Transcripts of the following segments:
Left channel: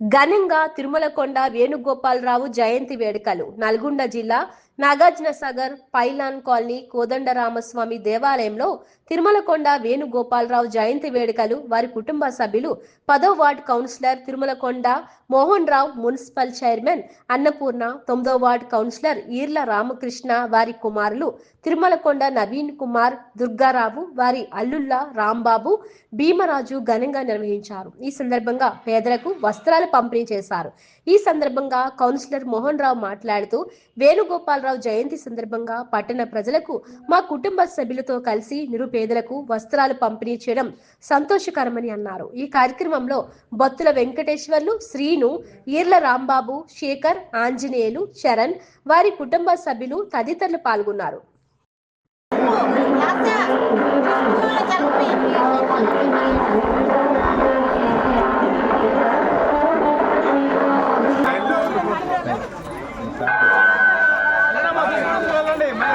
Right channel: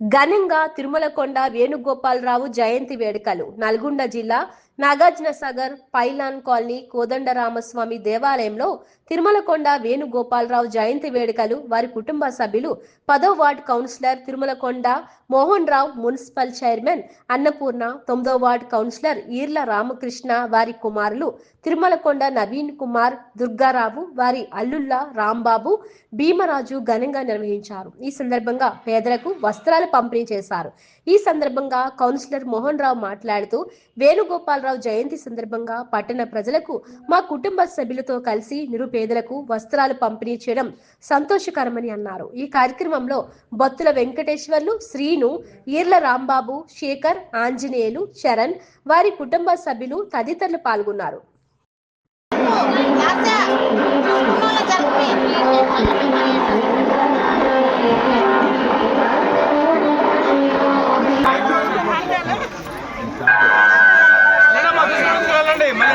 ఘనంగా తిరుమలకొండ వేణుగోపాలరావు జయంతి వేడుకలు నల్గొండ జిల్లా నాగార్జున సాగర్ పైలాన్ కాలనీ కోదండరామస్వామి దేవాలయంలో తిరుమలకొండ వేణుగోపాలరావు జయంతి వేడుకలు వారి కుటుంబ సభ్యులు పదో ward councillor Tirumalakonda Mohan Rao municipal chairman Annapurna తొమ్మిదో వార్డ్ కౌన్సిలర్ ఈర్ల రామకృష్ణ వారి కుమారులు తిరుమలకొండ నవీన్ కుమార్ దుర్గారావు వారి అల్లుళ్ళ రాంబాబు భీమరాజు ఘనంగా నిర్వహించారు. ఈ సందర్భంగా పేదలకు వస్త్రాలు పంపిణీ చేశారు. ఈ సందర్భంగా కౌన్సిలర్ మోహన్ రావు మాట్లాడుతూ వేణుగోపాలరావు జయంతి సందర్భంగా పట్టణ ప్రజలకు మా కుటుంబ సభ్యులతో కలిసి నిరుపేదలకు వస్త్రాలు పంపిణీ చేయడం సంతోషకరమని అన్నారు. ఈ కార్యక్రమంలో బత్తుల వెంకటేశ్వర్లు శ్రీను ఈర్ల రాంబాబు శేఖర్ ఆంజనేయులు చరణ్ వారి కుటుంబ సభ్యులు తదితరులు పాల్గొన్నారు. ಮಲೆ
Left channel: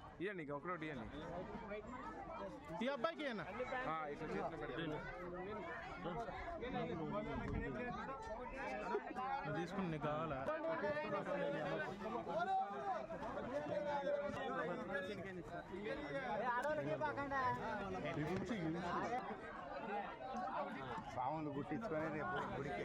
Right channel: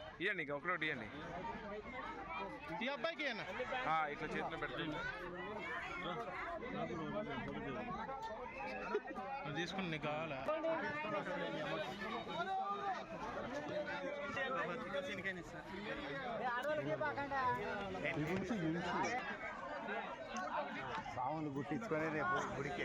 ఇవ్వండి ఇంకా ఒకరోటి ఇవ్వండి ఈ అబ్బాయికి ఆ, ఇట్లా చేతిలో పెడితే తీసుకుని నీకు కావాలా? బాగుంది గుట్టించుకొని రేపు గుడికి.